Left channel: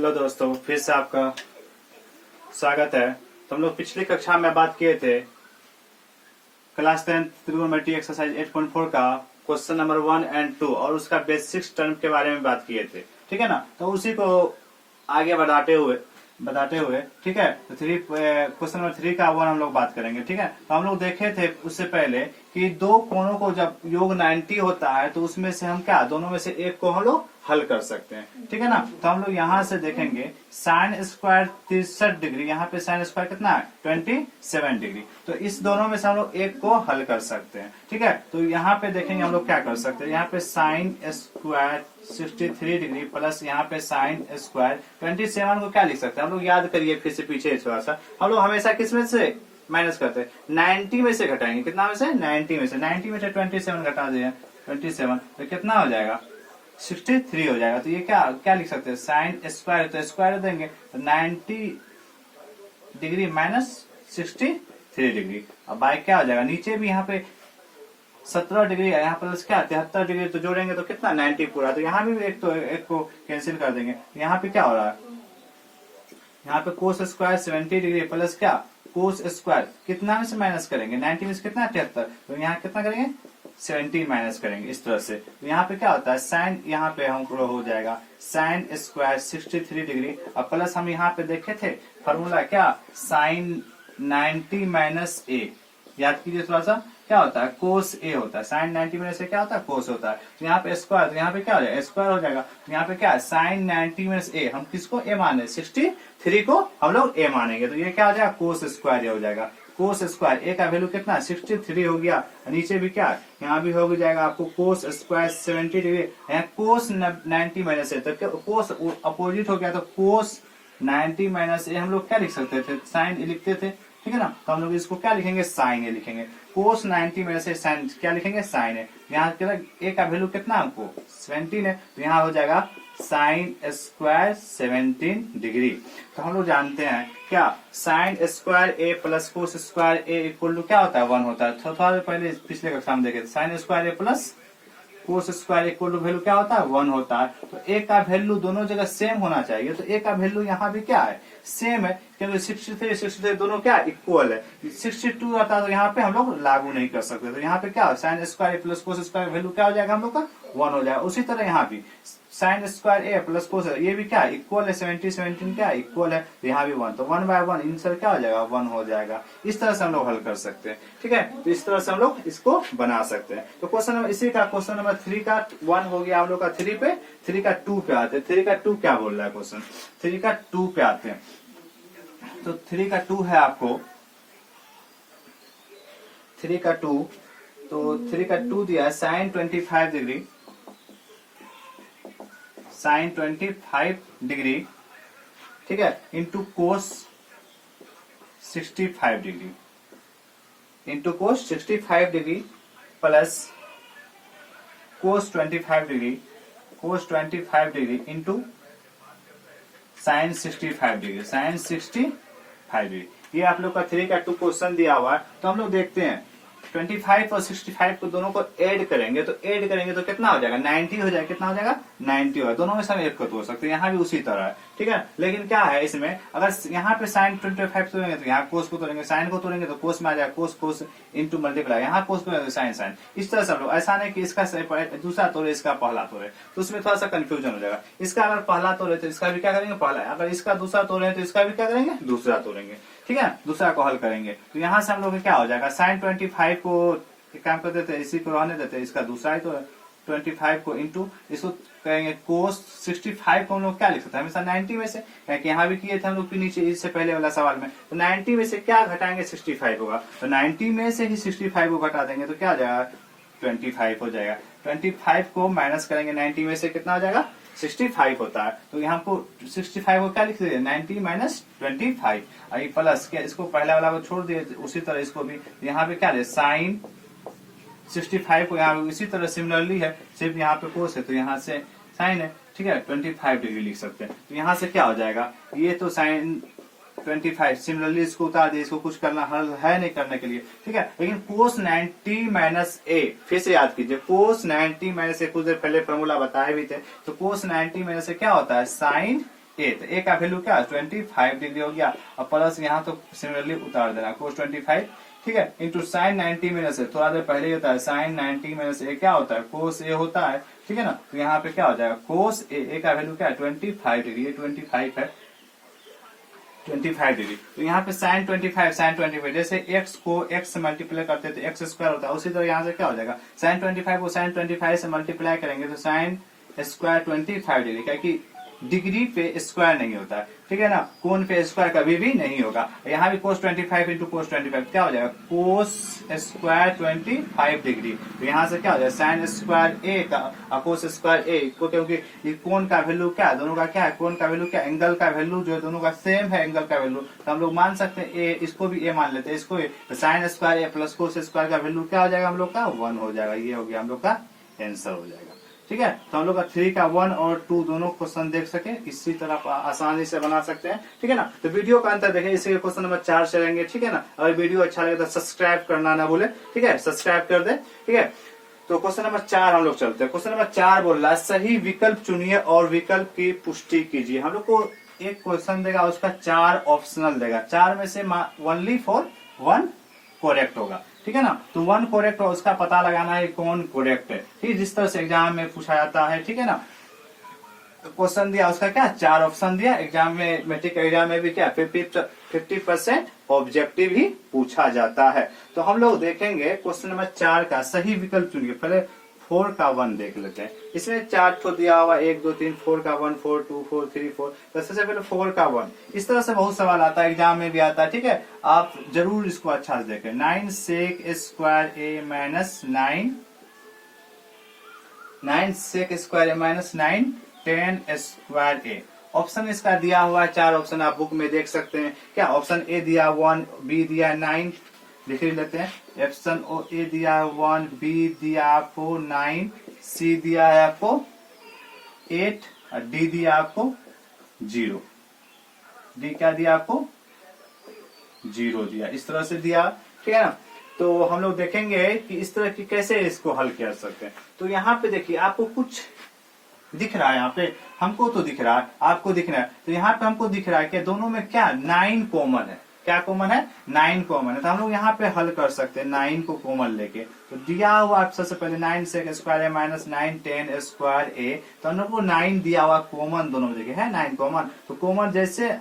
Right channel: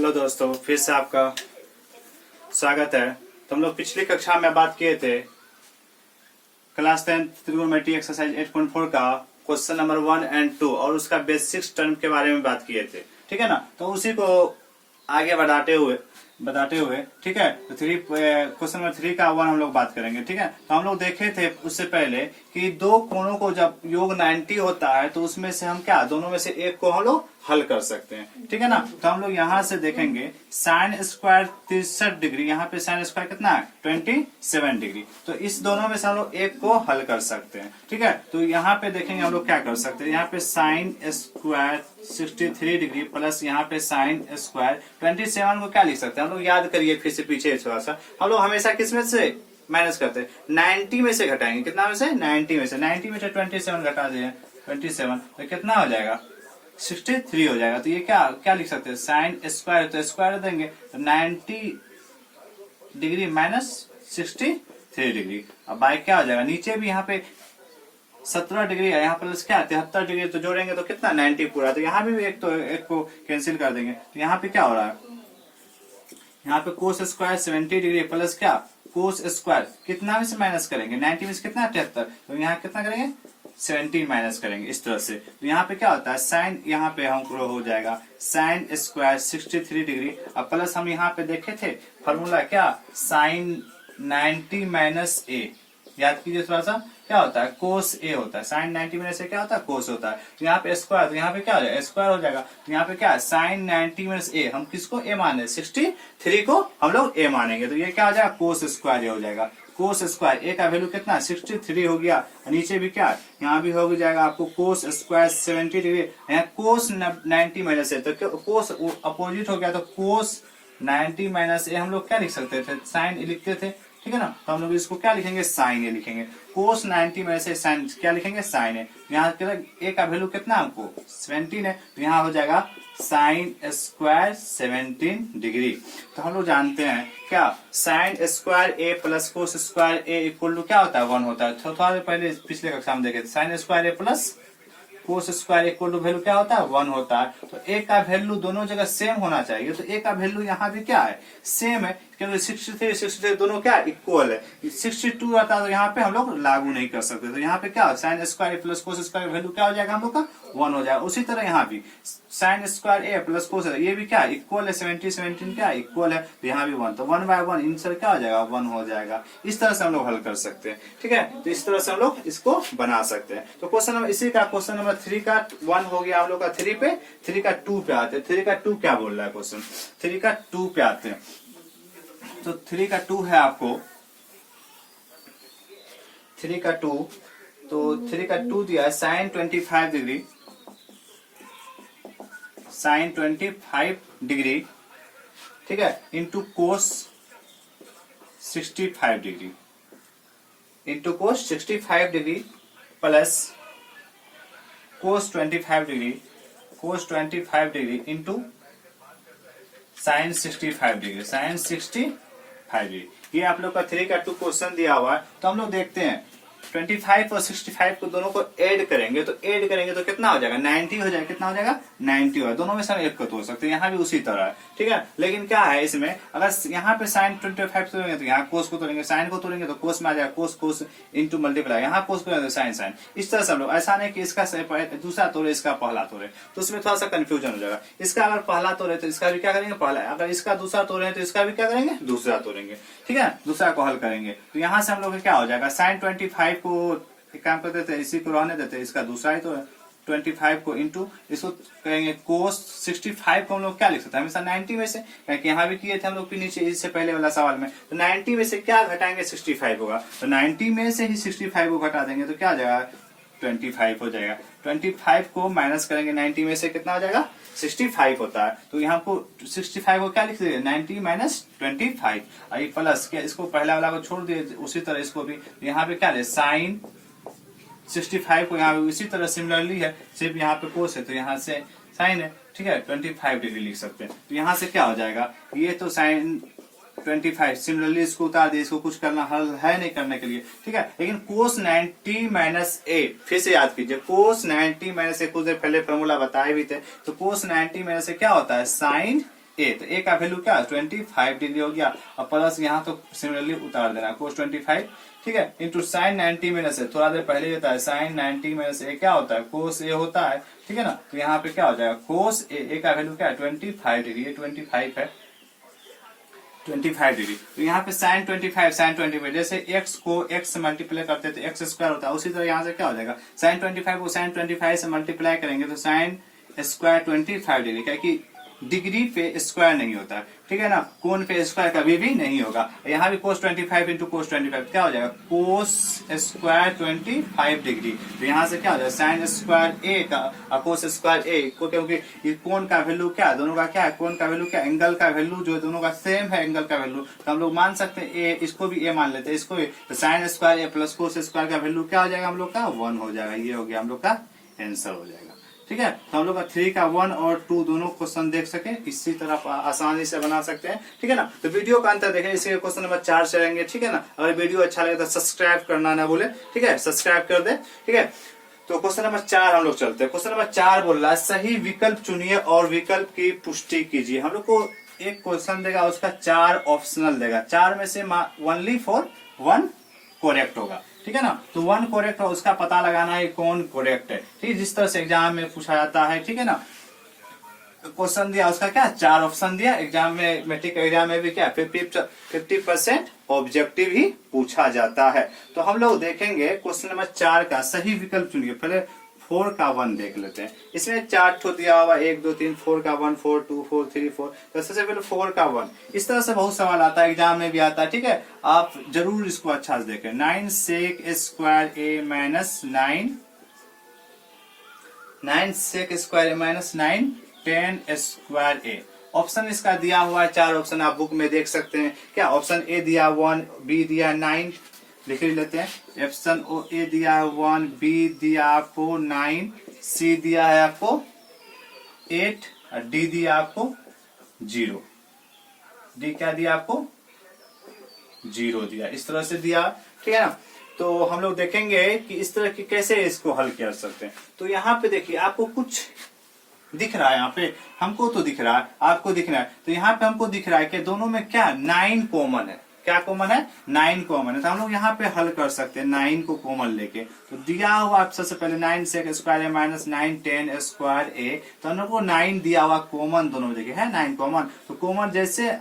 Hello दोस्तों, फिर से आपका स्वागत है। तो हम लोग पिछली कक्षा में बात किए थे क्लास 10 ट्रिगोनोमेट्री एक्सरसाइज 8.4 का क्वेश्चन नंबर 1 और 2 और उसका बेसिक्स टर्म के बारे में बात किए थे। ठीक है ना। तो उसी को आगे बताते हुए ठीक है। तो क्वेश्चन नंबर 3 का 1 हम लोग बात करेंगे। ठीक है। तो हम लोग देखे थे उससे पहले कि दो कोणों को जब योग 90 होता है तो उसमें से हम क्या दोनों में से एक को हम लोग हल कर सकते हैं। ठीक है ना। तो हम लोग यहाँ से देखेंगे साइन स्क्वायर 63 डिग्री, यहाँ पे साइन स्क्वायर कितना है 27 डिग्री। तो इस दोनों में से हम लोग एक को हल कर सकते हैं। ठीक है। तो यहाँ पे देखेंगे हम लोग क्या कर सकते हैं। यहाँ पे साइन स्क्वायर 63 डिग्री प्लस यहाँ पे साइन स्क्वायर 27 को क्या लिख सकते हैं हम लोग, याद करिए फिर से पीछे थोड़ा सा। हम लोग हमेशा किस में से माइनस करते हैं 90 में से घटाएंगे। कितना में से 90 में से 90 में से 27 घटा दिए 27 तो कितना हो जाएगा 63 हो जाएगा। तो ये क्या क्या लिख सकते हैं साइन स्क्वायर, तो स्क्वायर देंगे तो 90 डिग्री माइनस 63 डिग्री। अब बाय क्या हो जाएगा, नीचे भी यहाँ पे 17 डिग्री है, यहाँ प्लस क्या 73 डिग्री, तो जोड़ेंगे तो कितना 90 पूरा। तो यहाँ भी एक को कैंसिल कर देंगे। तो यहाँ पे क्या हो रहा है, यहाँ पे कोस स्क्वायर 70 डिग्री प्लस क्या कोस स्क्वायर कितना में से माइनस करेंगे 90 में से कितना 73, तो यहाँ कितना करेंगे 17 माइनस करेंगे इस तरह से। तो यहाँ पे क्या होता है साइन, यहाँ पे हमको हो जाएगा साइन स्क्वायर 63 डिग्री और प्लस हम यहाँ पे देखे थे फॉर्मूला क्या साइन 90 माइनस ए, याद कीजिए थोड़ा सा। क्या होता है कोस ए होता है, साइन 90 में से क्या होता है कोस होता है। तो यहाँ पे स्क्वायर, तो यहाँ पे क्या हो जाएगा स्क्वायर हो जाएगा। तो यहाँ पे क्या है साइन 90 में से ए, हम किसको ए माने 63 को हम लोग ए मानेंगे। तो ये क्या हो जाएगा कोस स्क्वायर हो जाएगा। कोस स्क्वायर ए का वैल्यू कितना 63 हो गया। नीचे भी क्या यहाँ भी हो जाएगा आपको कोस स्क्वायर 70 डिग्री, यहाँ कोस 90 माइनस ए, तो कोस अपोजिट हो गया। तो कोस 90 माइनस ए हम लोग क्या लिख सकते थे साइन ए लिखते थे। ठीक है ना। तो हम लोग इसको क्या लिखेंगे साइन ए लिखेंगे। कोस 90 में से साइन क्या लिखेंगे साइन ए। यहाँ ए का वैल्यू कितना हमको 17 है, तो यहाँ हो जाएगा साइन स्क्वायर 17 डिग्री। तो हम लोग जानते हैं क्या sine square A plus cos square A equal to क्या होता है 1 होता है। थोड़ा देर पहले पिछले कक्षा में देखे sine square A plus cos square equal to value क्या होता है 1 होता है। तो ए का वैल्यू दोनों जगह सेम होना चाहिए। तो ए का वैल्यू यहाँ भी क्या है सेम है, क्योंकि 63 दोनों क्या इक्वल है। 62 आता है तो यहाँ पे हम लोग लागू नहीं कर सकते। तो यहाँ पे क्या sine square plus cos square value क्या हो जाएगा हम लोग का 1 हो जाएगा। उसी तरह यहाँ भी साइन स्क्वायर ए प्लस कोस ये भी क्या इक्वल है 17 क्या इक्वल है, तो यहाँ भी 1, तो 1 बाय 1 आंसर क्या हो जाएगा 1 हो जाएगा। इस तरह से हम लोग हल कर सकते हैं। ठीक है। तो इस तरह से हम लोग इसको बना सकते हैं। तो क्वेश्चन नंबर इसी का क्वेश्चन नंबर 3 का 1 हो गया हम लोग का। 3 का 2 पे आते हैं। 3 का 2 क्या बोल रहा है क्वेश्चन, 3 का 2 पे आते हैं। तो 3 का 2 है आपको 3 का 2, तो 3 का 2 दिया है साइन 25 डिग्री, साइन 25 डिग्री ठीक है into cos 65 degree, into cos 65 degree plus cos 25 degree, cos 25 degree into sine 65 degree, sine 65 degree. ये आप लोग का 3 का 2 क्वेश्चन दिया हुआ है। तो हम लोग देखते हैं 25 और 65 को दोनों को ऐड करेंगे तो कितना हो जाएगा 90 हो जाएगा। कितना हो जाएगा 90 होगा। दोनों में से हम एक को तोड़ सकते हैं। यहाँ भी उसी तरह है। ठीक है। लेकिन क्या है इसमें अगर यहाँ पे साइन 25 तोड़ेंगे तो यहाँ कोस को तोड़ेंगे, साइन को तोड़ेंगे तो कोस में आ जाएगा कोस कोस इंटू मल्टीप्लाई, यहाँ कोस को साइन साइन। इस तरह से हम लोग ऐसा नहीं कि इसका दूसरा तोड़े इसका पहला तोड़े, तो उसमें थोड़ा सा कंफ्यूजन हो जाएगा। इसका अगर पहला तोड़े तो इसका भी क्या करेंगे पहला, अगर इसका दूसरा तोड़े तो इसका भी क्या करेंगे दूसरा तोड़ेंगे। ठीक है। दूसरा को हल करेंगे तो यहाँ से हम लोग क्या हो जाएगा साइन 25 को एक काम कर देते हैं इसी को रहने देते हैं, इसका दूसरा ही तो है 25 को इंटू इसको करेंगे कोस 65 को हम लोग क्या लिख सकते हैं हमेशा 90 में से, क्योंकि यहाँ भी किए थे हम लोग नीचे इससे पहले वाला सवाल में। तो 90 में से क्या घटाएंगे 65 होगा, तो 90 में से ही 65 को घटा देंगे तो क्या हो जाएगा 25 हो जाएगा। 25 को माइनस करेंगे 90 में से कितना हो जाएगा 65 होता है। तो यहाँ को 65 को क्या लिख देंगे 90 माइनस 25 और ये प्लस क्या इसको पहला वाला को छोड़ दिए उसी तरह इसको भी यहाँ पे क्या है साइन 65 को यहाँ इसी तरह सिमिलरली है, सिर्फ यहाँ पे कोस है तो यहाँ से साइन है। ठीक है 25 डिग्री लिख सकते हैं। तो यहाँ से क्या हो जाएगा ये तो साइन 25 सिमिलरली इसको उतार दिए, इसको कुछ करना हल है नहीं करने के लिए। ठीक है। लेकिन कोस 90 माइनस ए फिर से याद कीजिए कोस 90 माइनस ए कुछ देर पहले फॉर्मूला बताए भी थे। तो कोस 90 माइनस ए क्या होता है साइन ए, तो ए का वैल्यू क्या 25 डिग्री हो गया, और प्लस यहाँ तो सिमिलरली उतार देना cos 25, ठीक है, इंटू साइन 90 माइनस ए, थोड़ा देर पहले होता है साइन 90 माइनस ए क्या होता है cos ए होता है, ठीक है ना। तो यहाँ पे क्या हो जाएगा cos ए का वैल्यू क्या है 25 डिग्री, ये 25 है 25 डिग्री। तो यहाँ पे साइन 25 जैसे x को x से मल्टीप्लाई करते हैं तो एक्स स्क्वायर होता है, उसी तरह यहाँ से क्या हो जाएगा साइन 25 को साइन 25 से मल्टीप्लाई करेंगे तो साइन स्क्वायर 25 डिग्री, क्या कि डिग्री पे स्क्वायर नहीं होता है, ठीक है ना, कोण पे स्क्वायर कभी भी नहीं होगा। यहाँ भी cos 25 इंटू cos 25 क्या हो जाएगा cos स्क्वायर 25 डिग्री, तो यहाँ से क्या हो जाएगा साइन स्क्वायर ए का cos स्क्वायर ए को, क्योंकि ये कोण का वैल्यू क्या है, दोनों का क्या है, कोण का वैल्यू क्या, एंगल का वैल्यू जो है दोनों का सेम है एंगल का वैल्यू, तो हम लोग मान सकते हैं ए, इसको भी ए मान लेते हैं, इसको तो sign square A plus cos square का वैल्यू क्या हो जाएगा हम लोग का 1 हो जाएगा, ये हो गया हम लोग का आंसर हो जाएगा, ठीक है। तो हम लोग का 3 का 1 और 2 दोनों क्वेश्चन देख सके, इसी तरह आसानी से बना सकते हैं, ठीक है ना। तो वीडियो का अंतर देखें, इसके क्वेश्चन नंबर 4 चलेंगे, ठीक है ना। अगर वीडियो अच्छा लगे तो सब्सक्राइब करना ना भूले, ठीक है, सब्सक्राइब कर दे, ठीक है। तो क्वेश्चन नंबर 4 हम लोग चलते हैं। क्वेश्चन नंबर 4 बोल रहा है सही विकल्प चुनिए और विकल्प की पुष्टि कीजिए। हम लोग को एक क्वेश्चन देगा, उसका 4 ऑप्शनल देगा, 4 में से ओनली फॉर 1 करेक्ट होगा, ठीक है ना। तो 1 करेक्ट है, उसका पता लगाना है कौन करेक्ट है, ठीक है, जिस तरह से एग्जाम में पूछा जाता है, ठीक है ना। क्वेश्चन दिया उसका क्या 4 ऑप्शन दिया, एग्जाम में मैट्रिक एग्जाम में भी क्या 50% ऑब्जेक्टिव ही पूछा जाता है। तो हम लोग देखेंगे क्वेश्चन नंबर 4 का सही विकल्प चुनिए। पहले 4 का 1 देख लेते हैं, इसमें 4 ठो दिया हुआ 1 2 3 4 का 1 4 2 4 3 4, तो सबसे पहले 4 का 1, इस तरह से बहुत सवाल आता है, एग्जाम में भी आता है, ठीक है, आप जरूर इसको अच्छा से देखें। 9 सेक स्क्वायर ए माइनस 9 सेक स्क्वायर ए माइनस 9 10 स्क्वायर ए, ऑप्शन इसका दिया हुआ है 4 ऑप्शन आप बुक में देख सकते हैं। क्या ऑप्शन ए दिया 1, बी दिया 9, लिख लेते हैं, ऑप्शन ए दिया है 1, बी दिया आपको 9, सी दिया है आपको 8 और डी दिया आपको 0, डी क्या दिया आपको 0 दिया, इस तरह से दिया, ठीक है ना। तो हम लोग देखेंगे कि इस तरह की कैसे इसको हल कर सकते हैं। तो यहाँ पे देखिए आपको कुछ दिख रहा है, यहाँ पे हमको तो दिख रहा है, आपको दिख रहा है, तो यहाँ पे हमको दिख रहा है कि दोनों में क्या 9 कॉमन है, क्या कॉमन है 9 कॉमन है, तो हम लोग यहाँ पे हल कर सकते हैं 9 को कॉमन लेके। तो दिया हुआ सबसे पहले 9 सेक स्क्वायर ए माइनस 9 10 स्क्वायर ए, तो हम लोग को 9 दिया हुआ कॉमन, दोनों में देखिए है 9 कॉमन, तो कॉमन जैसे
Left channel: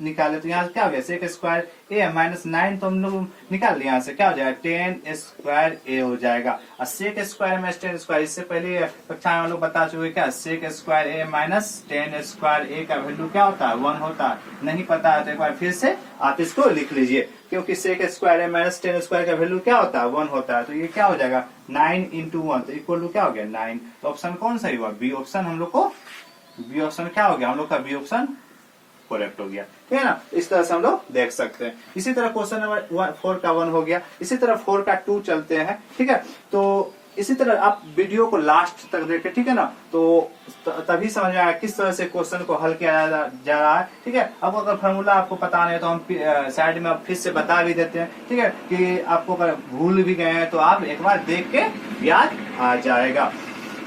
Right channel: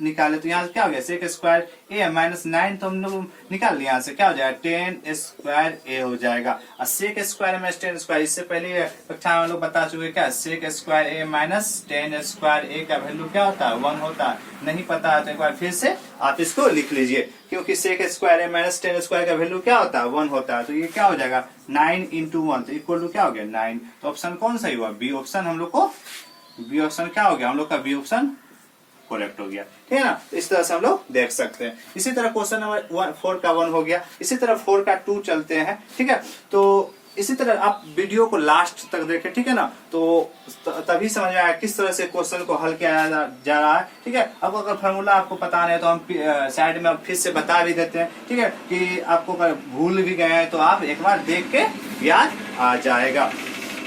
निकाले तो यहाँ से क्या हो गया सेक स्क्वायर ए माइनस 9, तो हम लोग निकाल लिया, यहाँ से क्या हो जाएगा 10 स्क्वायर ए हो जाएगा, और सेक स्क्वायर माइनस 10 स्क्वायर, इससे पहले कक्षा में हम लोग बता चुके क्या सेक स्क्वायर ए माइनस 10 स्क्वायर ए का वैल्यू क्या होता है 1 होता है, नहीं पता है तो एक बार फिर से आप इसको लिख लीजिए, क्योंकि सेक स्क्वायर ए माइनस 10 स्क्वायर का वैल्यू क्या होता है 1 होता है, तो ये क्या हो जाएगा 9 इंटू 1, तो इक्वल टू क्या हो गया 9, तो ऑप्शन कौन सा हुआ बी ऑप्शन, हम लोग को बी ऑप्शन क्या हो गया, हम लोग का बी ऑप्शन करेक्ट हो गया, ठीक है ना। इस तरह से हम लोग देख सकते हैं। इसी तरह क्वेश्चन नंबर 4 का 1 हो गया, इसी तरह 4 का 2 चलते हैं, ठीक है। तो इसी तरह आप वीडियो को लास्ट तक देखें, ठीक है ना, तो तभी समझ में आया किस तरह से क्वेश्चन को हल किया जा रहा है, ठीक है। अब अगर फॉर्मूला आपको पता नहीं है तो हम साइड में फिर से बता भी देते हैं, ठीक है, कि आपको अगर भूल भी गए हैं तो आप एक बार देख के याद आ जाएगा,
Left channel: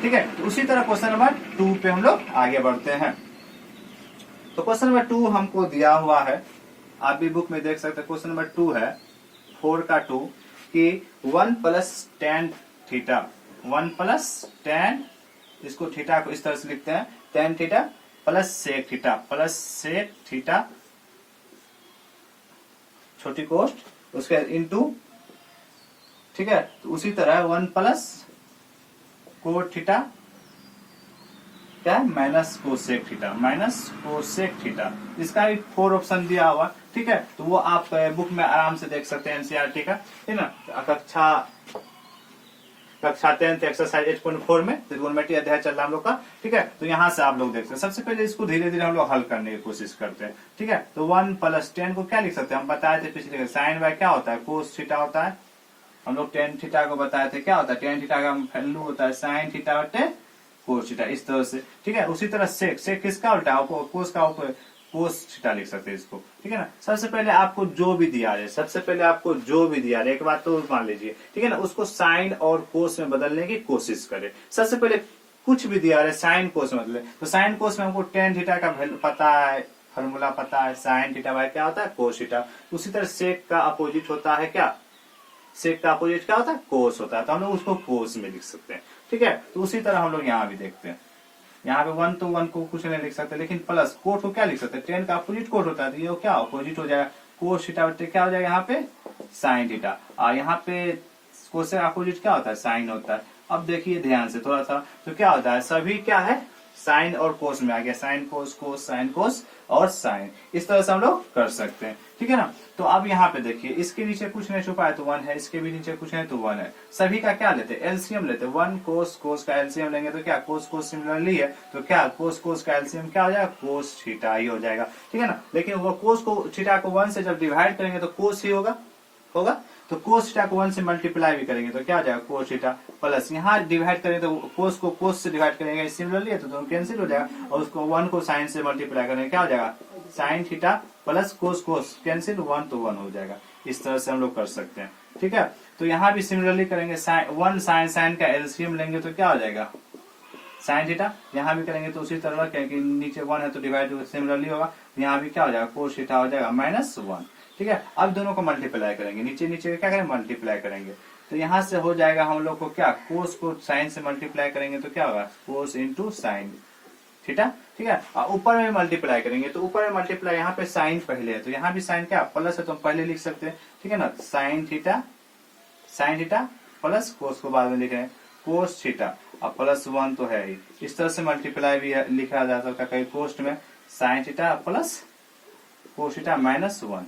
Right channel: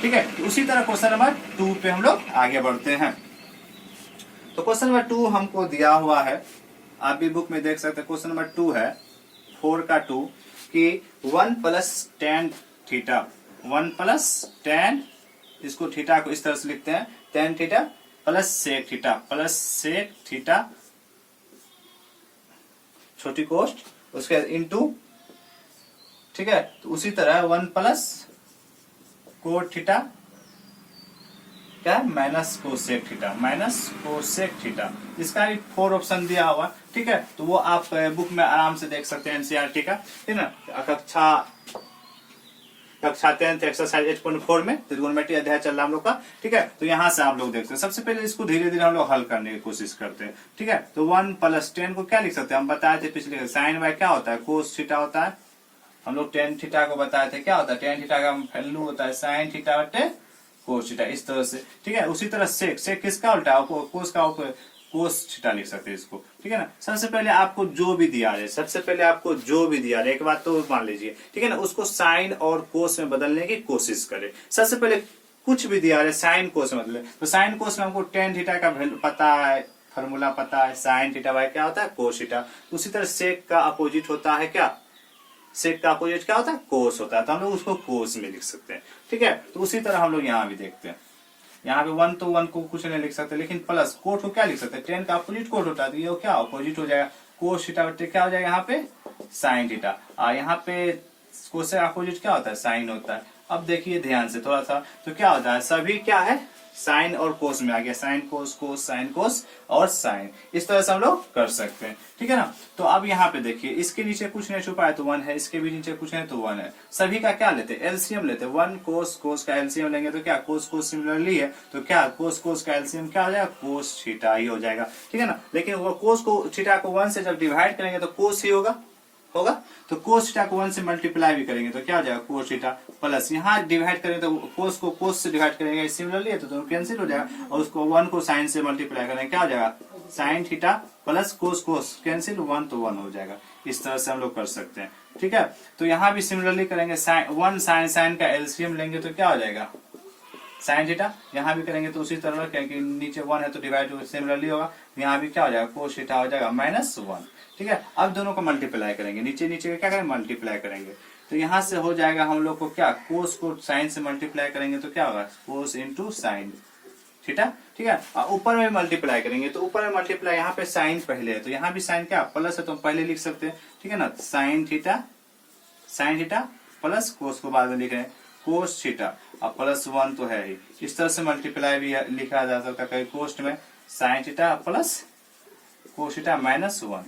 ठीक है। उसी तरह क्वेश्चन नंबर 2 पे हम लोग आगे बढ़ते हैं। तो क्वेश्चन नंबर 2 हमको दिया हुआ है, आप भी बुक में देख सकते हैं, क्वेश्चन नंबर 2 है 4 का 2 कि 1 plus tan theta, 1 plus tan, इसको थीटा को इस तरह से लिखते हैं tan theta plus sec theta छोटी कोष्ट उसके इनटू, ठीक है। तो उसी तरह 1 प्लस कोट थीटा क्या है माइनस कोसेक थीटा, इसका भी 4 ऑप्शन दिया हुआ, ठीक है। तो वो आप बुक में आराम से देख सकते हैं एनसीईआरटी का, ठीक है ना। कक्षा 10 एक्सरसाइज 8.4 में त्रिकोणमिति अध्याय चल रहा है हम लोग का, ठीक है। तो यहाँ से आप लोग देखते हैं, सबसे पहले इसको धीरे धीरे हम लोग हल करने की कोशिश करते हैं, ठीक है। तो 1 प्लस 10 को क्या लिख सकते हैं, हम बताए थे पिछले साइन बाय क्या होता है कोस थीटा होता है, हम लोग tan थीटा को बताए थे क्या होता है, tan थीटा का वैल्यू होता है साइन थीटा बटे कोस थीटा, इस तरह से, ठीक है। उसी तरह सेक किसका उल्टा है, कोस का कोस थीटा लिख सकते हैं इसको, ठीक है ना। सबसे पहले आपको जो भी दिया है एक बात तो मान लीजिए, ठीक है ना, उसको साइन और कोस में बदलने की कोशिश करें। सबसे पहले कुछ भी दिया है साइन कोस मतलब, तो साइन कोस में हमको टेन थीटा का वैल्यू पता है, फॉर्मूला पता है, साइन थीटा बाय क्या होता है कोस थीटा। उसी तरह सेक का अपोजिट होता है क्या, सेक का अपोजिट क्या होता है कोस होता है, तो हम लोग उसको कोस में लिख सकते हैं। ठीक है, तो उसी तरह हम लोग यहाँ भी देखते हैं, यहाँ पे 1 तो 1 को कुछ नहीं लिख सकते, लेकिन प्लस कोट को क्या लिख सकते हैं, टेन का अपोजिट कोट होता है, तो ये क्या अपोजिट हो जाएगा कोस थीटा, क्या हो जाएगा यहाँ पे साइन थीटा, और यहाँ पे कोस का अपोजिट क्या होता है साइन होता है। अब देखिए ध्यान से थोड़ा सा, तो क्या होता है सभी क्या है साइन और कोस में आ गया, साइन कोस कोस साइन कोस और साइन, इस तरह से हम लोग कर सकते हैं। ठीक है ना, तो अब यहाँ पे देखिए इसके नीचे कुछ नहीं छुपा है तो 1 है, इसके भी नीचे कुछ नहीं तो 1 है, सभी का क्या लेते हैं एलसीएम लेते हैं, 1 कोस कोस का एलसीएम लेंगे तो क्या कोस कोस सिमिलरली है, तो क्या कोस कोस का एलसीएम क्या हो जाएगा कोस थीटा ही हो जाएगा। ठीक है ना, लेकिन वो कोस को थीटा को 1 से जब डिवाइड करेंगे तो कोस ही होगा, तो कोस थीटा को 1 से मल्टीप्लाई भी करेंगे तो क्या हो जाएगा कोस थीटा, प्लस यहाँ डिवाइड करेंगे तो कोस को कोस से डिवाइड करेंगे सिमिलरली है तो दोनों कैंसिल हो जाएगा, और उसको 1 को साइन से मल्टीप्लाई करेंगे क्या हो जाएगा साइन थीटा प्लस कोस कोस कैंसिल 1 तो 1 हो जाएगा। इस तरह से हम लोग कर सकते हैं। ठीक है, तो यहाँ भी सिमिलरली करेंगे, वन साइन साइन का एलसीएम लेंगे तो क्या हो जाएगा साइन थीटा, यहाँ भी करेंगे तो उसी तरह क्योंकि नीचे 1 है तो डिवाइड सिमिलरली होगा, यहाँ भी क्या हो जाएगा कोस थीटा हो जाएगा -1। ठीक है, अब दोनों को मल्टीप्लाई करेंगे, नीचे नीचे क्या करेंगे मल्टीप्लाई करेंगे, तो यहाँ से हो जाएगा हम लोग को क्या कोस को साइन से मल्टीप्लाई करेंगे तो क्या होगा कोस इंटू साइन थीटा। ठीक है, और ऊपर में मल्टीप्लाई करेंगे तो ऊपर में मल्टीप्लाई यहाँ पे साइन पहले है तो यहाँ भी साइन क्या प्लस है तो हम पहले लिख सकते हैं। ठीक है ना, साइन थीटा प्लस कोस को बाद में लिख रहे हैं कोस थीटा और +1 तो है ही, इस तरह से मल्टीप्लाई भी लिखा जा सकता है कई कोस्ट में sign theta plus cos theta -1।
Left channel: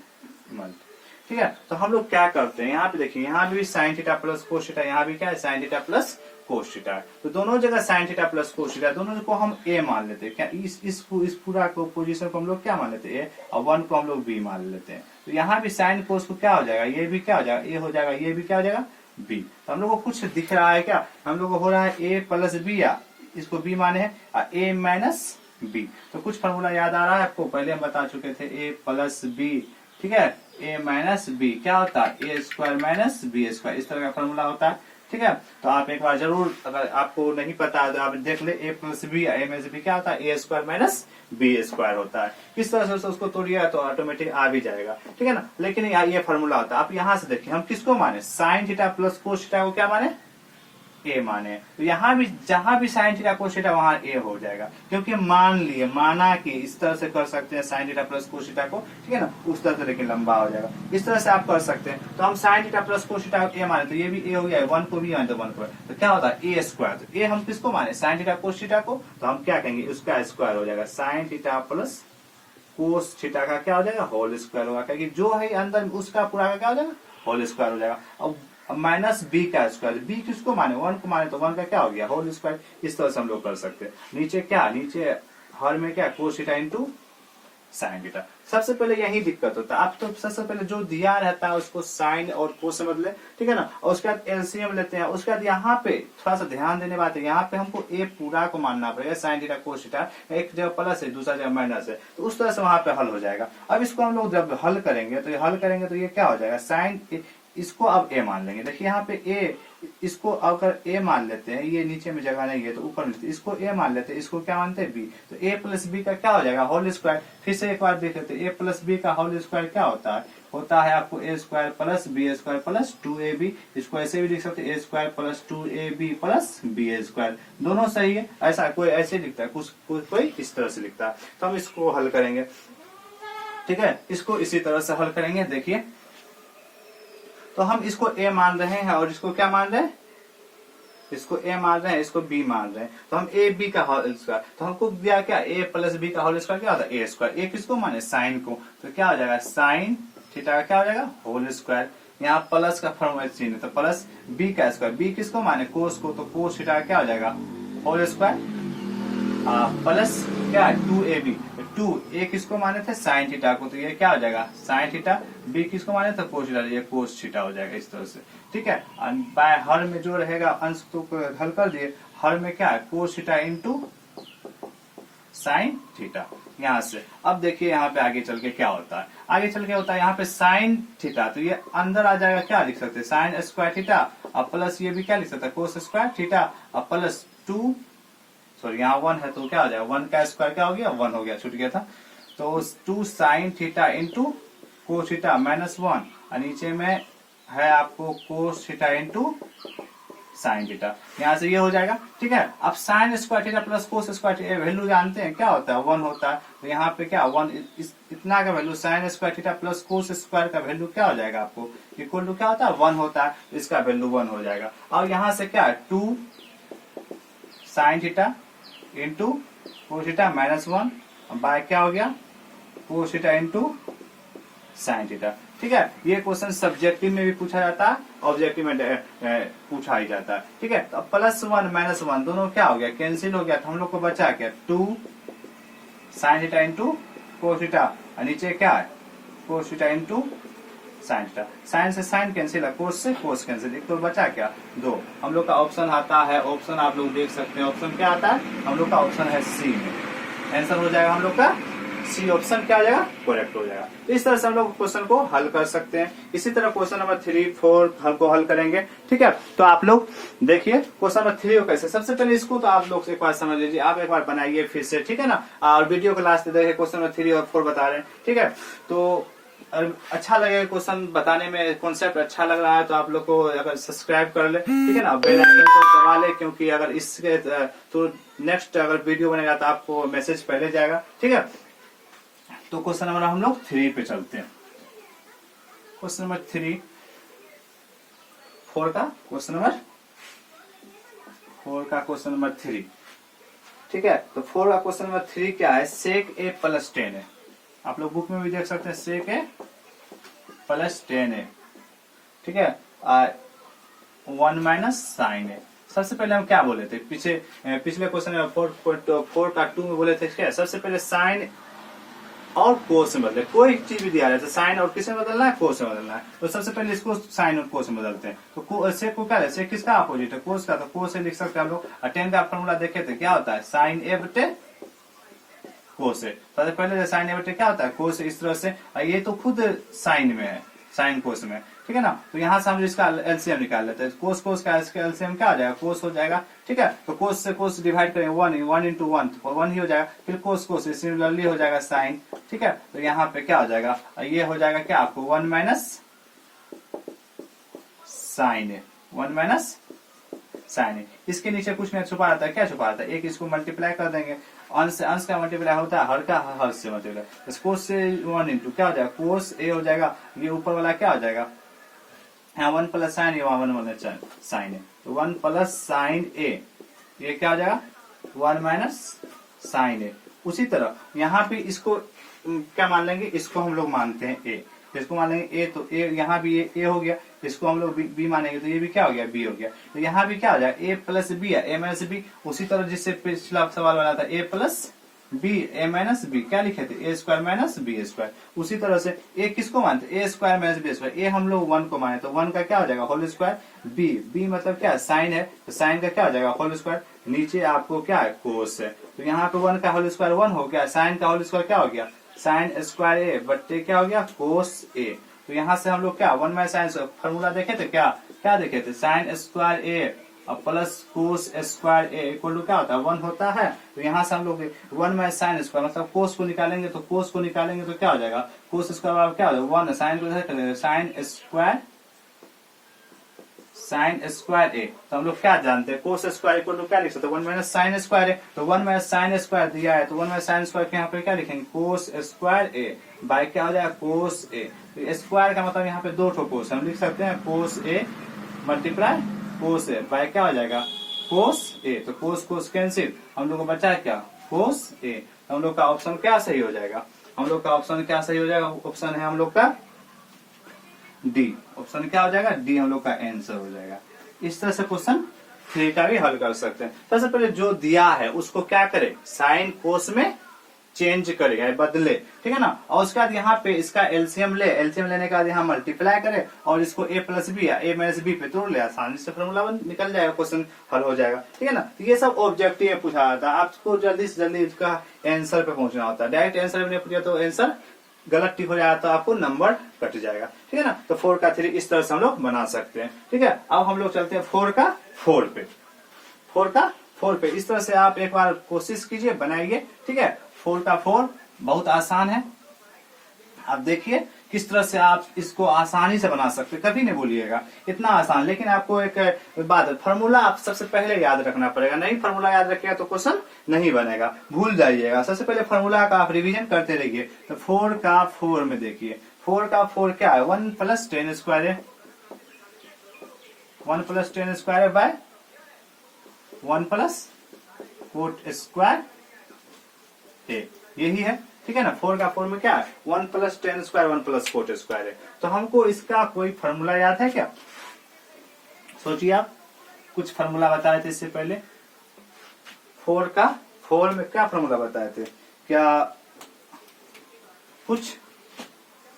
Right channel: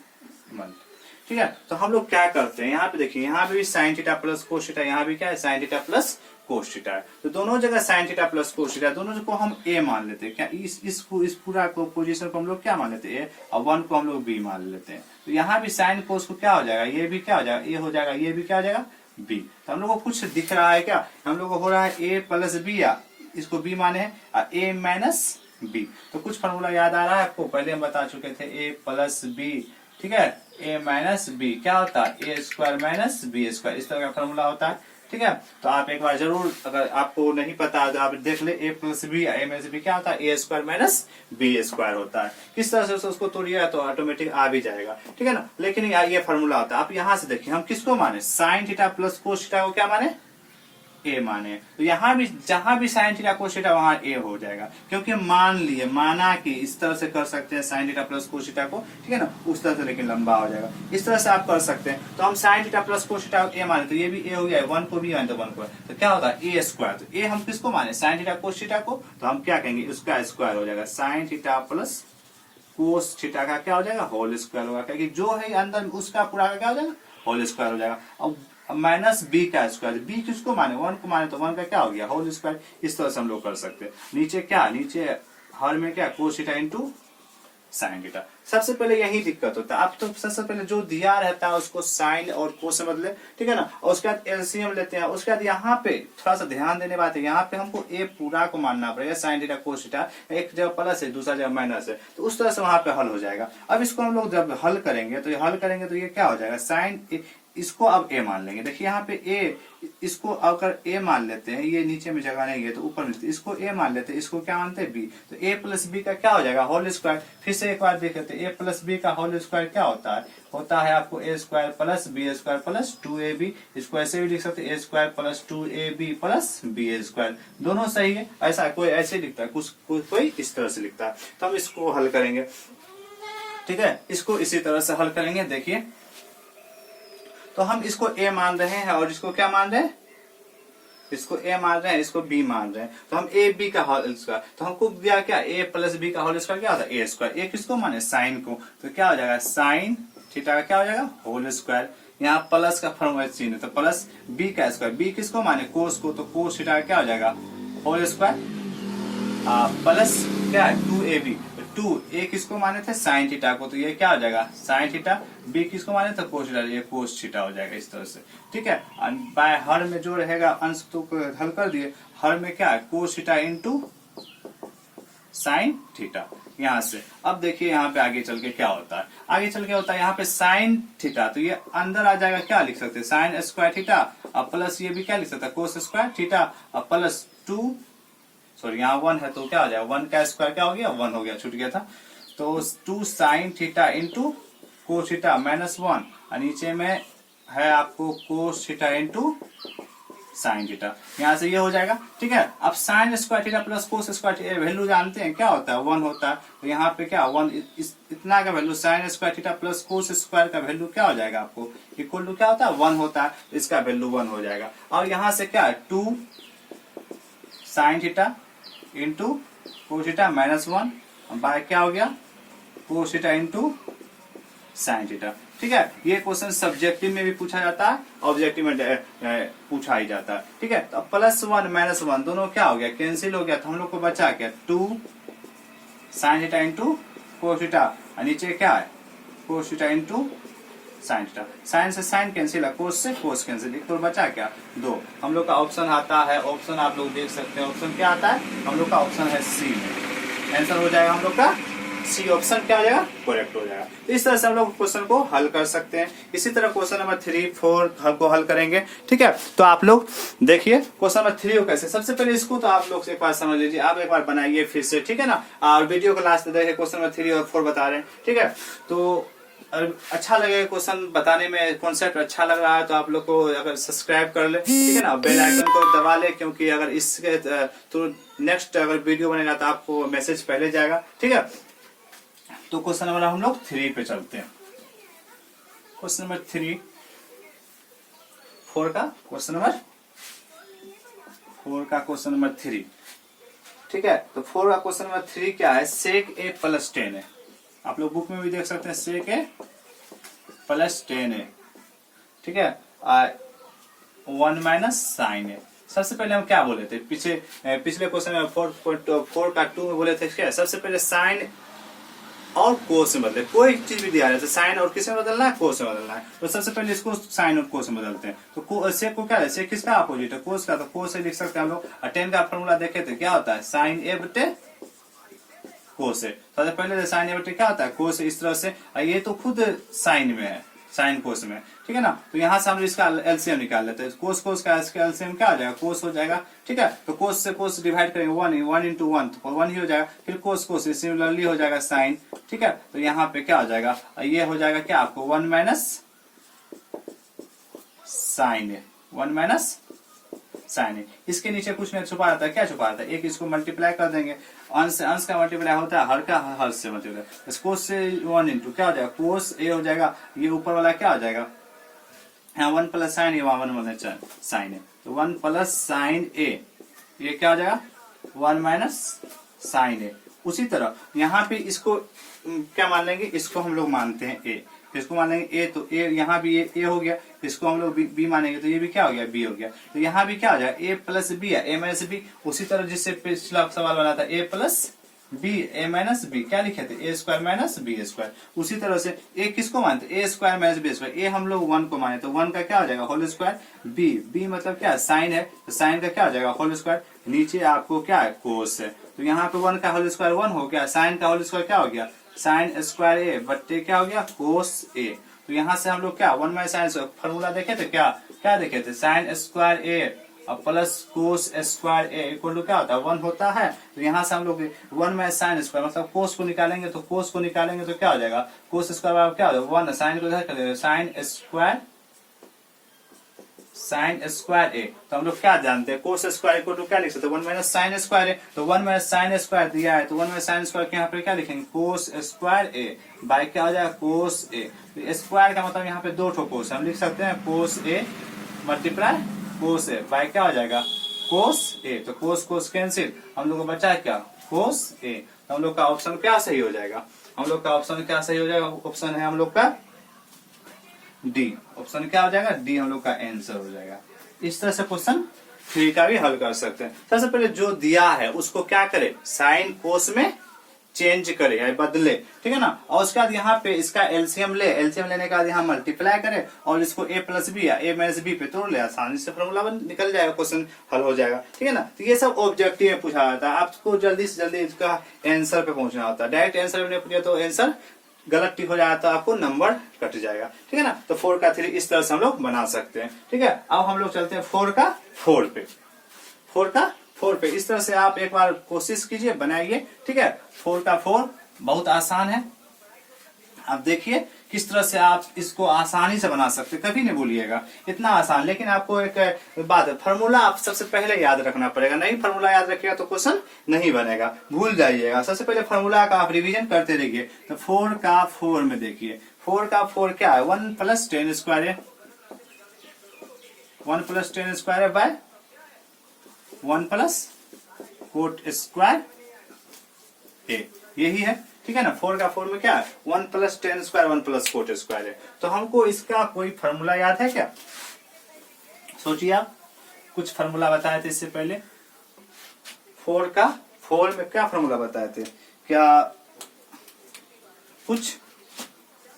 ठीक है, तो हम लोग क्या करते हैं यहाँ पे देखिए, यहाँ भी sign theta plus cos theta, यहाँ भी क्या है sign theta plus cos theta है, तो दोनों जगह sign theta plus cos theta, दोनों को हम ए मान लेते हैं क्या, इस पूरा को पोजीशन को हम लोग क्या मान लेते हैं ए, और 1 को हम लोग बी मान लेते हैं, तो यहाँ भी साइन कोस को क्या हो जाएगा ये भी क्या हो जाएगा ए हो जाएगा, ये भी क्या हो जाएगा बी। तो हम लोग को कुछ दिख रहा है क्या, हम लोग को हो रहा है ए प्लस बी, या इसको बी माने हैं ए माइनस बी, तो कुछ फॉर्मूला याद आ रहा है आपको, पहले हम बता चुके थे ए प्लस बी। ठीक है, ए माइनस बी क्या होता है ए स्क्वायर माइनस बी स्क्वायर, इस तरह का फॉर्मूला होता है। ठीक है, तो आप एक बार जरूर, अगर आपको नहीं पता है तो आप देख ले ए प्लस बी, ए माइनस बी क्या होता है ए स्क्वायर माइनस बी स्क्वायर होता है, इस तरह से उसको तोड़िएगा तो ऑटोमेटिक आ भी जाएगा। ठीक है ना, लेकिन ये फॉर्मूला होता है। आप यहाँ से देखिए हम किसको माने sign theta plus cos theta को क्या माने ए माने, तो यहाँ भी जहां भी साइन थीटा कोस थीटा वहां ए हो जाएगा, क्योंकि मान लिए माना कि इस तरह से कर सकते हैं sign theta plus cos theta को। ठीक है ना, उस तरह से लेकिन लंबा हो जाएगा, इस तरह से आप कर सकते हैं। तो हम sine theta plus cos theta A माने तो ये भी ए हो गया, 1 को भी माने तो 1 को, तो क्या होता है ए स्क्वायर, तो ए हम किसको माने साइन थीटा कोस थीटा को, तो हम क्या कहेंगे उसका स्क्वायर हो जाएगा, sign theta plus cos theta का क्या हो जाएगा होल स्क्वायर होगा, क्योंकि जो है अंदर उसका पूरा का क्या हो जाएगा होल स्क्वायर हो जाएगा। अब माइनस बी का स्क्वायर, बी किसको माने 1 को माने तो 1 का क्या हो गया होल स्क्वायर, इस तरह से हम लोग कर सकते हैं। नीचे क्या, नीचे हर में क्या कोस थीटा इंटू साइन थीटा। सबसे पहले यही दिक्कत होता है, आप तो सबसे पहले जो दिया रहता है उसको साइन और कोस से बदले। ठीक है ना, और उसके बाद एलसीएम लेते हैं, उसके बाद यहाँ पे थोड़ा सा ध्यान देने बात है, यहाँ पे हमको ए पूरा को मानना पड़ेगा, साइन थीटा कोस थीटा एक जगह प्लस है दूसरा जगह माइनस है, तो उस तरह से वहां पे हल हो जाएगा। अब इसको हम लोग जब हल करेंगे तो ये क्या हो जाएगा साइन, इसको अब ए मान लेंगे। देखिए यहाँ पे ए, इसको अगर ए मान लेते हैं, ये नीचे में जगह नहीं है तो ऊपर में इसको ए मान लेते हैं, इसको क्या मानते हैं बी, तो ए प्लस बी का क्या हो जाएगा होल स्क्वायर। फिर से एक बार देख लेते हैं, ए प्लस बी का होल स्क्वायर क्या होता है आपको A square plus B square plus 2ab, इसको ऐसे भी लिख सकते हैं A square plus 2ab plus B square, दोनों सही है। ऐसा कोई ऐसे लिखता है, कोई इस तरह से लिखता है, तो हम इसको हल करेंगे। ठीक है, इसको इसी तरह से हल करेंगे। देखिए तो हम इसको a मान रहे हैं और इसको क्या मान रहे हैं, इसको a मान रहे हैं, इसको b मान रहे हैं, तो हम a b का होल स्क्वायर, तो हमको दिया क्या a प्लस b का होल स्क्वायर क्या होता है a स्क्वायर, a किसको माने साइन को, तो क्या हो जाएगा साइन थीटा का क्या हो जाएगा होल स्क्वायर, यहाँ प्लस का फॉर्मूला चिन्ह है तो प्लस b का स्क्वायर, b किसको माने कोस को, तो कोस थीटा का क्या हो जाएगा होल स्क्वायर प्लस क्या 2ab, 2a किसको माने थे साइन थीटा को, तो ये क्या हो जाएगा साइन थीटा, b किसको माने तो कोस थीटा, ये कोस थीटा हो जाएगा इस तरह से। ठीक है, बाय हर में जो रहेगा अंश तो हल कर दिए, हर में क्या है cos theta into sine theta यहाँ से। अब देखिए यहाँ पे आगे चल के क्या होता है, आगे चल के होता है यहाँ पे साइन थीटा, तो ये अंदर आ जाएगा, क्या लिख सकते हैं साइन स्क्वायर थीटा और प्लस ये भी क्या लिख सकता है कोस स्क्वायर थीटा और प्लस 2 सॉरी यहाँ 1 है तो क्या हो जाएगा 1 का स्क्वायर क्या हो गया 1 हो गया, छूट गया था। तो 2 sine theta into cos theta minus 1 और नीचे में है आपको कोस थीटा इंटू साइन थीटा, यहाँ से ये हो जाएगा। ठीक है, अब sine square theta plus cos square theta value जानते हैं क्या होता है 1 होता है, तो यहाँ पे क्या 1 इतना का value sine square theta plus cos square का वैल्यू क्या हो जाएगा आपको इक्वल टू क्या होता है 1 होता है, इसका वैल्यू 1 हो जाएगा। और यहाँ से क्या 2 sine theta into cos theta minus 1 by क्या हो गया cos theta into sine theta. ठीक है, ये क्वेश्चन सब्जेक्टिव में भी पूछा जाता है, ऑब्जेक्टिव में पूछा ही जाता है। ठीक है, तो प्लस 1 माइनस 1 दोनों क्या हो गया कैंसिल हो गया, तो हम लोग को बचा क्या 2 sine theta into cos theta और नीचे क्या है cos theta into sine theta. Sine से साइन कैंसिल है, कोस से कोस कैंसिल, इक्वल बचा क्या 2। हम लोग का ऑप्शन आता है, ऑप्शन आप लोग देख सकते हैं, ऑप्शन क्या आता है हम लोग का ऑप्शन है सी में। आंसर हो जाएगा हम लोग का सी, ऑप्शन क्या हो जाएगा करेक्ट हो जाएगा। इस तरह से हम लोग क्वेश्चन को हल कर सकते हैं। इसी तरह क्वेश्चन नंबर 3, 4 को हल करेंगे। ठीक है, तो आप लोग देखिए क्वेश्चन नंबर 3 को कैसे, सबसे पहले इसको तो आप लोग एक बार समझ लीजिए, आप एक बार बनाइए फिर से, ठीक है ना, और वीडियो को लास्ट देखिए क्वेश्चन नंबर 3 और 4 बता रहे हैं। ठीक है, तो अच्छा लगेगा क्वेश्चन बताने में, कॉन्सेप्ट अच्छा लग रहा है तो आप लोग को अगर सब्सक्राइब कर ले, ठीक है ना, बेल आइकन को दबा ले, क्योंकि अगर इसके तो नेक्स्ट अगर वीडियो बनेगा तो आपको मैसेज पहले जाएगा। ठीक है, तो क्वेश्चन नंबर हम लोग 3 पे चलते हैं। क्वेश्चन नंबर 3 4 का क्वेश्चन नंबर 4 का क्वेश्चन नंबर 3। ठीक है, तो 4 का क्वेश्चन नंबर 3 क्या है सेक ए प्लस 10 है। आप लोग बुक में भी देख सकते हैं सेक ए प्लस 10 है। ठीक है, 1 माइनस साइन है। सबसे पहले हम क्या बोले थे पिछले क्वेश्चन में 4 का 2 में बोले थे क्या, सबसे पहले साइन और कोस में बदले, कोई चीज भी दिया जाए साइन और किस में बदलना है कोस में बदलना है, तो सबसे पहले इसको साइन और कोस में बदलते हैं। तो सेक को क्या है सेक किसका अपोजिट है कोस का, तो कोस से लिख सकते हैं हम लोग। 10 का फॉर्मूला देखे थे क्या होता है साइन ए बटे कोस है, सबसे पहले साइन ए बटे क्या होता है कोस, इस तरह से ये तो खुद साइन में है साइन कोस में। ठीक है ना, तो यहाँ से हम इसका एलसीएम निकाल लेते हैं, कोस कोस का एलसीएम क्या हो जाएगा कोस हो जाएगा। ठीक है, तो कोस से कोस डिवाइड करेंगे 1 इंटू 1 तो 1 ही हो जाएगा, फिर कोस कोस सिमिलरली हो जाएगा साइन। ठीक है, तो यहाँ पे क्या हो जाएगा ये हो जाएगा क्या आपको 1 माइनस साइन है, 1 माइनस साइन है। इसके नीचे कुछ नहीं छुपा रहता है, क्या छुपा रहता है एक इसको मल्टीप्लाई कर देंगे, अंश का मल्टीप्लाई होता है हर का हर से मल्टीप्लाई, कोस से 1 इंटू क्या हो जाएगा कोस ए हो जाएगा, ये ऊपर वाला क्या हो जाएगा यहाँ 1 प्लस साइन है, वहां 1 माइनस साइन है, तो 1 प्लस साइन ए ये क्या हो जाएगा 1 माइनस साइन है। उसी तरह यहाँ पे इसको क्या मान लेंगे, इसको हम लोग मानते हैं ए, इसको मान लेंगे ए, तो ए यहाँ भी ए हो गया, इसको हम लोग बी मानेंगे तो ये भी क्या हो गया बी हो गया, तो यहाँ भी क्या हो जाएगा ए प्लस बी है ए माइनस बी। उसी तरह जिससे पिछला सवाल बना था ए प्लस बी ए माइनस बी क्या लिखे थे ए स्क्वायर माइनस बी स्क्वायर। उसी तरह से ए किसको मानते ए स्क्वायर माइनस बी स्क्वायर, ए हम लोग 1 को माने तो 1 का क्या हो जाएगा होल स्क्वायर, बी मतलब क्या साइन है तो साइन का क्या हो जाएगा होल स्क्वायर, नीचे आपको क्या है कोस है, तो यहाँ पे 1 का होल स्क्वायर 1 हो गया, साइन का होल स्क्वायर क्या हो गया साइन स्क्वायर ए बट्टे क्या हो गया कोस ए। तो यहाँ से हम लोग क्या 1 माइनस साइन फॉर्मूला देखे थे, क्या देखे थे साइन स्क्वायर ए और plus cos square A equal to क्या होता है 1 होता है। तो यहाँ से हम लोग 1 माइनस साइन स्क्वायर मतलब कोस को निकालेंगे, तो कोस को निकालेंगे तो क्या हो जाएगा कोस स्क्वायर क्या हो जाएगा 1 साइन को साइन स्क्वायर ए, तो हम लोग क्या जानते हैं कोस स्क्वायर इक्वल टू क्या लिख सकते हैं 1 माइनस साइन स्क्वायर है, तो 1 माइनस साइन स्क्वायर दिया है तो 1 माइनस साइन स्क्वायर के यहाँ पे क्या लिखेंगे कोस स्क्वायर ए बाय क्या हो जाएगा कोस ए। तो स्क्वायर का मतलब यहाँ पे 2 ठो कोस हम लिख सकते हैं कोस A multiply cos A bye क्या हो जाएगा कोस ए, तो कोस कोस कैंसिल, हम लोग को बचा है क्या कोस ए, तो हम लोग का ऑप्शन क्या सही हो जाएगा, हम लोग का ऑप्शन क्या सही हो जाएगा, ऑप्शन है हम लोग का डी, ऑप्शन क्या हो जाएगा डी हम लोग का आंसर हो जाएगा। इस तरह से क्वेश्चन 3 का भी हल कर सकते हैं। सबसे पहले जो दिया है उसको क्या करे साइन कोस में चेंज करे या बदले, ठीक है ना, और उसके बाद यहाँ पे इसका एलसीएम एलसीएम लेने के बाद यहाँ मल्टीप्लाई करे और इसको ए प्लस बी या ए माइनस बी पे तोड़ ले, आसानी से फॉर्मूला निकल जाएगा, क्वेश्चन हल हो जाएगा। ठीक है ना, तो ये सब ऑब्जेक्टिव में पूछा जाता है, आपको जल्दी से जल्दी इसका आंसर पे पहुंचना होता है, डायरेक्ट आंसर में पूछा तो आंसर गलत टिक हो जाएगा तो आपको नंबर कट जाएगा। ठीक है ना, तो 4 का 3 इस तरह से हम लोग बना सकते हैं। ठीक है, अब हम लोग चलते हैं 4 का 4 पे, 4 का 4 पे। इस तरह से आप एक बार कोशिश कीजिए, बनाइए, ठीक है। 4 का 4 बहुत आसान है। आप देखिए किस तरह से आप इसको आसानी से बना सकते, कभी नहीं भूलिएगा इतना आसान। लेकिन आपको एक बात है, फॉर्मूला आप सबसे पहले याद रखना पड़ेगा। नहीं फॉर्मूला याद रखिएगा तो क्वेश्चन नहीं बनेगा, भूल जाइएगा। सबसे पहले फॉर्मूला का आप रिवीजन करते रहिए। तो 4 का 4 में देखिए, 4 का 4 क्या है, 1 + 10 स्क्वायर है, 1 + 10 स्क्वायर है बाय 1 + कोट स्क्वायर ए, यही है, ठीक है ना। 4 का 4 में क्या है, 1 + 10 स्क्वायर 1 + कोट स्क्वायर है। तो हमको इसका कोई फॉर्मूला याद है क्या, सोचिए आप। कुछ फॉर्मूला बताए थे इससे पहले, 4 का 4 में क्या फॉर्मूला बताए थे, क्या कुछ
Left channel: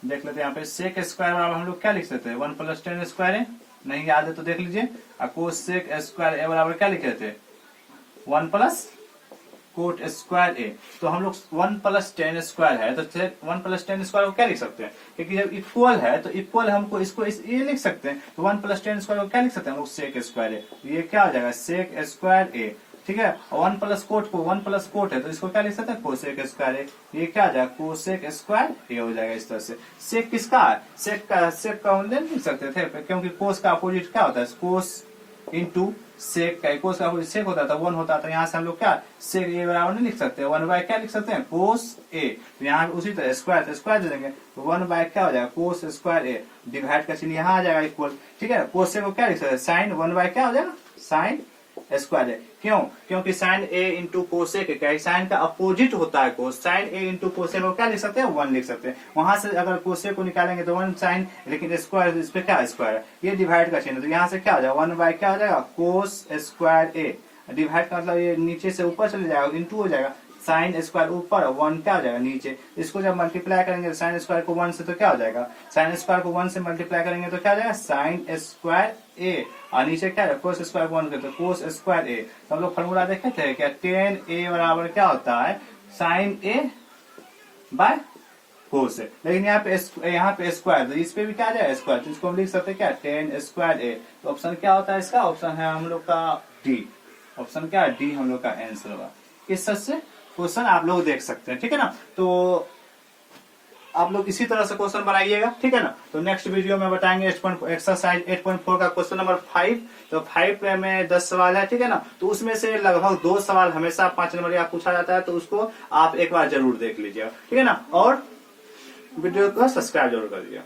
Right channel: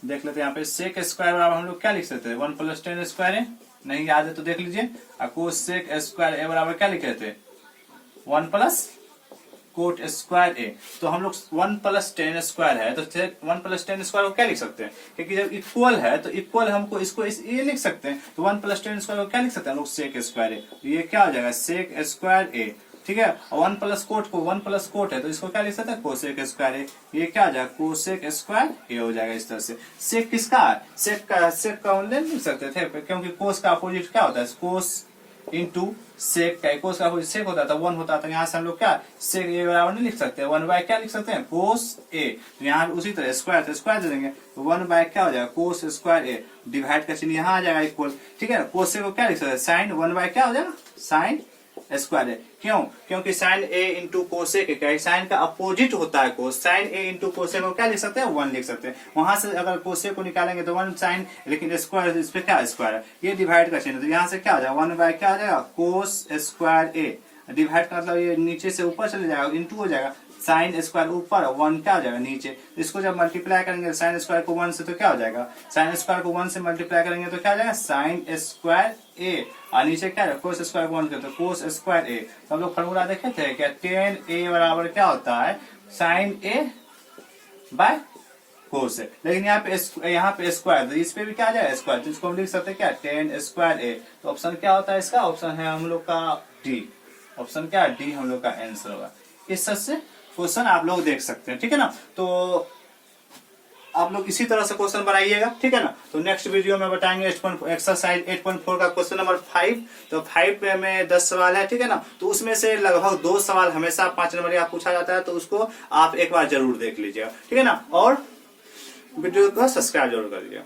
देख लेते हैं यहाँ पे। सेक स्क्वायर बराबर हम लोग क्या लिख सकते हैं, 1 + 10 स्क्वायर है, नहीं याद है तो देख लीजिए। कोसेक स्क्वायर ए बराबर क्या लिखे थे, 1 + कोट स्क्वायर ए। तो हम लोग 1 + 10 स्क्वायर है तो 1 + 10 स्क्वायर को क्या लिख सकते हैं, क्योंकि जब इक्वल है तो इक्वल हमको इसको ये लिख सकते हैं। तो 1 + 10 स्क्वायर को क्या लिख सकते हैं हम लोग, सेक स्क्वायर ए। ये क्या हो जाएगा, सेक स्क्वायर ए, ठीक है। और 1 + कोट को 1 + कोट है तो इसको क्या लिख सकते हैं, कोसेक स्क्वायर ए। ये क्या हो जाएगा, कोसेक स्क्वायर ए हो जाएगा। इस तरह से सेक किसका है, सेक का लिख सकते थे, क्योंकि कोस का अपोजिट क्या होता है, कोस इंटू सेक का, कोस का अपोजिट सेक होता था, 1 होता था। यहाँ से हम लोग क्या सेक ए बराबर नहीं लिख सकते, 1 क्या लिख सकते हैं, कोस ए। तो यहाँ उसी तरह स्क्वायर तो स्क्वायर दे देंगे, तो 1 क्या हो जाएगा, कोस स्क्वायर ए। डिवाइड का चिन्ह यहाँ आ जाएगा इक्वल, ठीक है। कोस से को क्या लिख सकते हैं, साइन 1 क्या हो जाएगा, साइन स्क्वायर है। क्यों, क्योंकि साइन ए इंटू कोसेक क्या है, साइन का अपोजिट होता है कोस। साइन ए इंटू कोसेक को क्या लिख सकते हैं, 1 लिख सकते हैं। वहां से अगर कोसेक को निकालेंगे तो 1 साइन, लेकिन स्क्वायर इस पे क्या स्क्वायर है, ये डिवाइड का चिन्ह। तो यहाँ से क्या हो जाएगा, 1 क्या हो जाएगा, कोस स्क्वायर ए। डिवाइड का मतलब ये नीचे से ऊपर चले जाएगा, इंटू हो जाएगा, साइन स्क्वायर ऊपर 1 क्या हो जाएगा नीचे। इसको जब मल्टीप्लाई करेंगे साइन स्क्वायर को 1 से तो क्या हो जाएगा, साइन स्क्वायर को 1 से मल्टीप्लाई करेंगे तो क्या हो जाएगा, साइन स्क्वायर ए। और नीचे क्या है, कोस स्क्वायर को 1 करते हैं, कोस स्क्वायर ए। तो हम लोग फॉर्मूला देखे थे क्या, tan ए बराबर क्या होता है, साइन ए बाय कोस। लेकिन यहाँ पे स्क्वायर, इस पे भी क्या आ जाएगा स्क्वायर, तो इसको हम लिख सकते हैं क्या, tan स्क्वायर ए। तो ऑप्शन क्या होता है इसका, ऑप्शन है हम लोग का डी। ऑप्शन क्या है, डी हम लोग का आंसर होगा। इस तरह से क्वेश्चन आप लोग देख सकते हैं, ठीक है ना। तो आप लोग इसी तरह से क्वेश्चन बनाइएगा, ठीक है ना। तो नेक्स्ट वीडियो में बताएंगे एक्सरसाइज 8.4 का क्वेश्चन नंबर 5। तो 5 में 10 सवाल है, ठीक है ना। तो उसमें से लगभग 2 सवाल हमेशा 5 नंबर का पूछा जाता है, तो उसको आप एक बार जरूर देख लीजिएगा, ठीक है ना। और वीडियो को सब्सक्राइब जरूर कर लीजिएगा।